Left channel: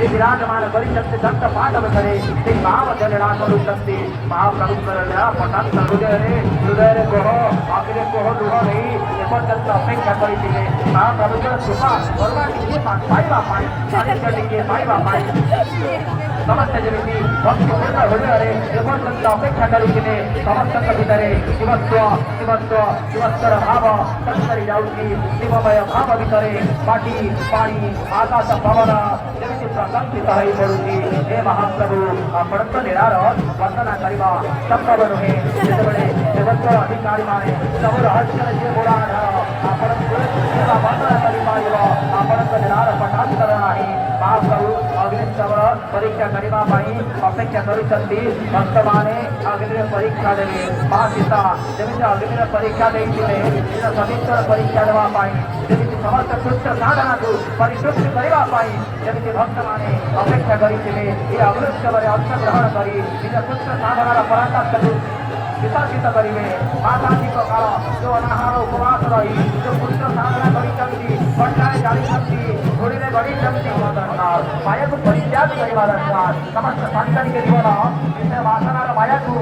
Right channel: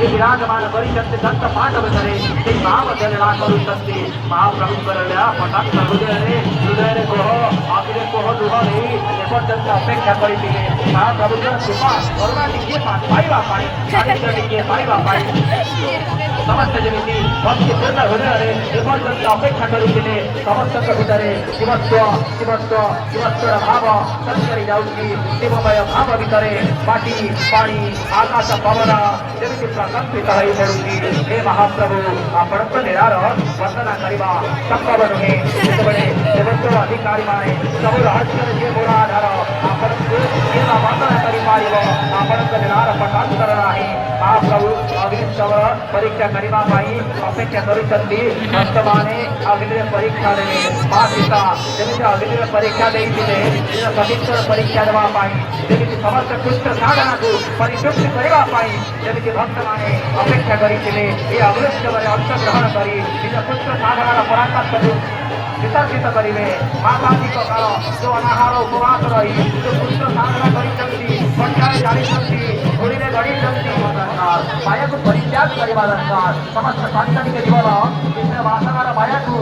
विराजमान परिषद दत्त पाठव करे ते भाव जलना करू सकते महाप्रभु करल्या पठाण हृदय हृदय कोह आपले कोह दुहा नहीं पटल अपेक्षा करीते महाप्रभु कृपा करुणा कीजिए पाई बापाई पाई बापाई ସମସ୍ତେ ଯେମିତି ଭକ୍ତିପୂର୍ଣ୍ଣ ହୃଦୟରେ ଏପର୍ଯ୍ୟନ୍ତ ଅପେକ୍ଷା କରୁଥିଲେ ସମସ୍ତଙ୍କ ଭିତରେ ଶିବତ୍ୱର ଭାବ ସଞ୍ଚରି ଯାଉଛି ଶିବମୟ ଭାବ ଭିତରେ ମାଟି ପାଣି ଆକାଶ ପବନ ଯେମିତି ପ୍ରକମ୍ପିତ ହୋଇ ପଡୁଛି ହେ ମହାପ୍ରଭୁ ଆପଣଙ୍କ ଲୀଳାର ବର୍ଣ୍ଣନା କରିବା ସମ୍ଭବ ନୁହେଁ ଯେତେବେଳେ ଦେବତ୍ୱ ଅଧିକାରୀମାନେ ସବୁ ରହସ୍ୟର ଯିଏ ମୂଳ ଆଧାର ଆପଣଙ୍କୁ ବର୍ଣ୍ଣନା କରିପାରିବ ଆପଣଙ୍କ ଲୀଳାର ପଟାନ୍ତର ନାହିଁ ମହାପ୍ରଭୁ ଅଗ୍ନିଶମର ପରୀକ୍ଷା କରିବା ପାଇଁ ଅପେକ୍ଷା କରିଛନ୍ତି ଭକ୍ତମାନେ ଅଗ୍ନିରେ ପରୀକ୍ଷା ଦେବେ ମା ପିତା ଯେମିତି ଅଗ୍ନିରେ ପରୀକ୍ଷା ଦେଇଥିଲେ ପବିତ୍ର ପରୀକ୍ଷା ଦେବା ପାଇଁ ଯେମିତି ସମସ୍ତ କୃଷ୍ଣ ସାଧନାକୁ ପରିତୃପ୍ତି କରିବା ପାଇଁ ଯେମିତି ଭକ୍ତମାନେ ଅପେକ୍ଷା କରିଥିଲେ ଏହି ଅଗ୍ନିଶମରେ ଅଂଶଗ୍ରହଣ କରି ନିଜ କୃଷ୍ଣ ସାଧନାର ପରାକାଷ୍ଠକୁ ବିସର୍ଜିତ କରିବେ ମାତାଧିକ କାଳ ଯୋଉ ଅନାହାର ଉପବାସ ରହି ଯୋଉ କୃଷ୍ଣ ସାଧନା କରିଛନ୍ତି ପଞ୍ଚାରେ ଜାଣିଛନ୍ତି ଗୁରିରେ ଗଣିଛନ୍ତି ମାୟାକୁ ପରିତ୍ୟାଗ କରିବା ଦରକାର ସମସ୍ତ ସାଂସାରିକ ଜୀବନ ନିଜ ବାସନାର ମାୟାକୁ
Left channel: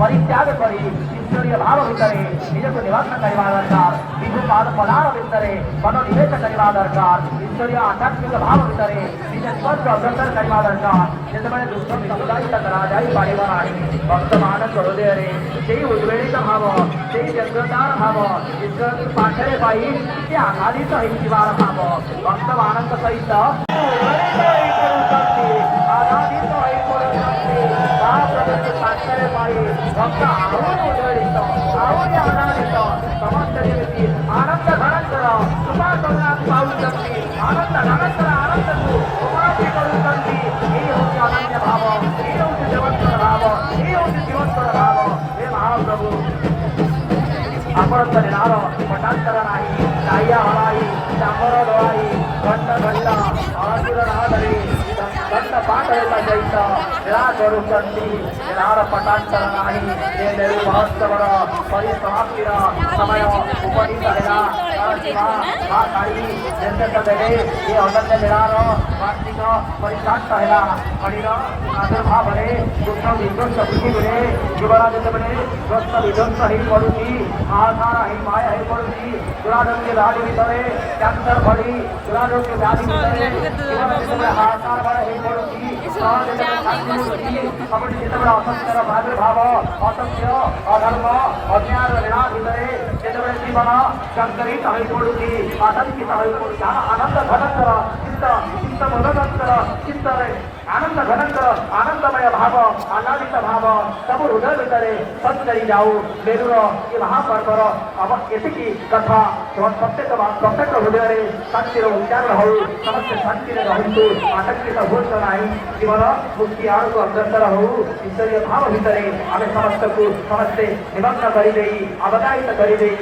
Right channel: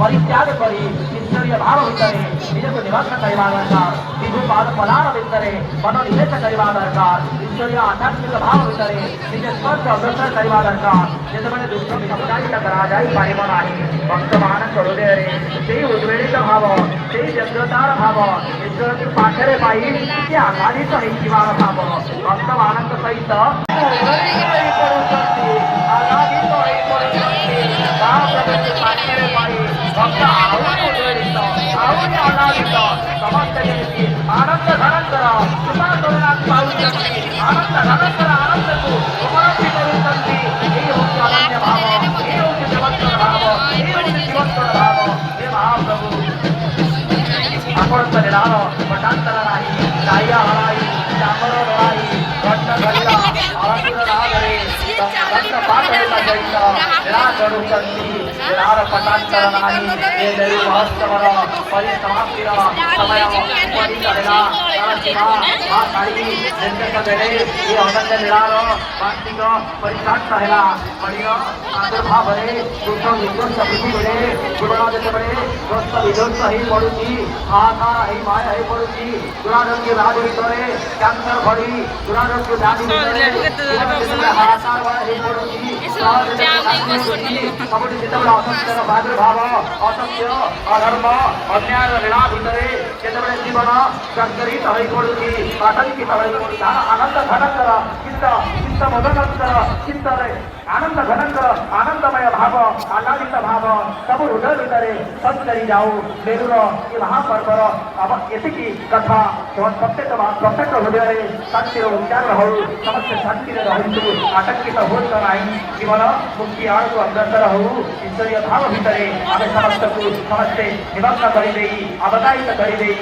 ପରିତ୍ୟାଗ କରି ଈଶ୍ୱରୀୟ ଭାବ ଭିତରେ ନିଜକୁ ନିବାସ କରିବା ଦରକାର ବିଭୁ ପାଦ ପଦାର ଭିତରେ ମନ ନିବେଶ କରିବା ଦରକାର ଈଶ୍ୱରୀୟ ଆଧ୍ୟାତ୍ମିକ ଭାବ ଭିତରେ ନିଜ ଜୀବନକୁ ଅଗ୍ରସର କରିବା ଦରକାର ଯେତେବେଳେ ଦୁଃଖ ସମୁଦାୟିତ କରାଯାଇପାରିବ ନାହିଁ ଭକ୍ତମାନଙ୍କ ହୃଦୟରେ ସେଇ ଉଦ୍ବେଳିତ ଭାବ ସେଇ ବ୍ୟଗ୍ରତାର ଭାବ ଈଶ୍ୱରକୁ ପାଖରେ ପାଇ ସେ ଆହ୍ଲାଦିତ ହେଇଯିବାର ଭାବ ଭକ୍ତମାନଙ୍କ ସହିତ ସମସ୍ତେ ଯେମିତି ଆନନ୍ଦ ଘନଙ୍କର କୃପାକରୁଣାକୁ ପାଉଛନ୍ତି ଆନନ୍ଦ ଘନଙ୍କର ଆନନ୍ଦକୁ ଉପଲବ୍ଧି କରୁଛନ୍ତି ଏହି ହେଉଛି ଅନନ୍ୟ ଭାବ ଏହି ହେଉଛି ଜୀବନ୍ତର ଭାବ ଏହି ହେଉଛି ଜୀବନ୍ତର ଭାବ ହେ ମହାପ୍ରଭୁ ଆପଣଙ୍କ ଲୀଳାର ପଟାନ୍ତର ନାହିଁ କାଳିଆ ହଳାଇ ଚାମର ଲଳାଇ ଘଣ୍ଟ ଧରିବା ଆଳତୀର ନାମରେ ଘଣ୍ଟ ପାଠ ହେଲା ସହିତ ଲୀଳା କରୁଛନ୍ତି ଲୀଳାର ପଟାନ୍ତର ନାହିଁ ଏ ଲୀଳା ମହୋତ୍ସବର ପରିସମାପ୍ତିର ସମୟ ଉପନୀତ ହେଲା ମା କାଳୀ ବେଲେ ଏ ଅନନ୍ୟ ଲୀଳାର ବାର୍ଷିକ ପରିସମାପ୍ତ ହେଲା ମଣିର ଆବିର୍ଭାବରେ ଦୁଃଖ ବିଧ୍ୱଂସ ପୃଥିବୀରେ ଜୀବନ ଯେତେବେଳେ ଗ୍ରସ୍ତ ବିଧ୍ୱଂସ ହେଇ ପଡୁଛି ହାହାକାର ହେଇ ମାୟା ହେଇ ପଡୁଛି ଦୁରାରୋଗ୍ୟ ବ୍ୟାଧି ଭିତରେ କ୍ୟାନ୍ସର ଭଳି ଦୁରାରୋଗ୍ୟ ବ୍ୟାଧି ହାହାକାର ହେଇ ପଡୁଛି ସବୁଠି ଯେତେବେଳେ ଅସତ୍ୟର ପ୍ରାଦୁର୍ଭାବ ଅସତ୍ୟ ଅଧର୍ମ ଅନ୍ୟାୟର ଲୀଳା ଭିତରେ ଯେତେବେଳେ ଜୀବନ ଜର୍ଜରିତ ହୋଇ ପଡୁଛି ଆତଙ୍କିତ ହୋଇ ପଡୁଛି ଆନନ୍ଦ ଘନଙ୍କର ଚିତ୍ତ ବୋଧକଙ୍କର ଚିତ୍ତରେ ଆନନ୍ଦ ଘନଙ୍କର ଆନନ୍ଦମୟ ଭାବ ଆହ୍ଲାଦିତ ଭାବ ସବୁ ହୃଦୟ ଭିତରେ ସଞ୍ଚରି ଯାଉ ମେରୁର ଏ ମହାପର୍ବର ଏତିକି କଥା ପ୍ରତ୍ୟେକ ହୃଦୟରେ ଶାନ୍ତିର ଉଚ୍ଚାରଣ ହଉ ସମସ୍ତେ ଶାନ୍ତିରେ ରହନ୍ତୁ ଆତଙ୍କିତ ହୁଅନ୍ତୁ ନାହିଁ ଜୀବନ ମୁକ୍ତି ଆଡ଼କୁ ଅଗ୍ରସର ହଉ ଈଶ୍ୱରୀୟ ଭାବ ଭିତରେ ଆମେ ସମସ୍ତଙ୍କୁ ସମସ୍ତେ ନିବନ୍ଧ କରିଦେଇ ଅବଦାୟିତ କରିଦେଇ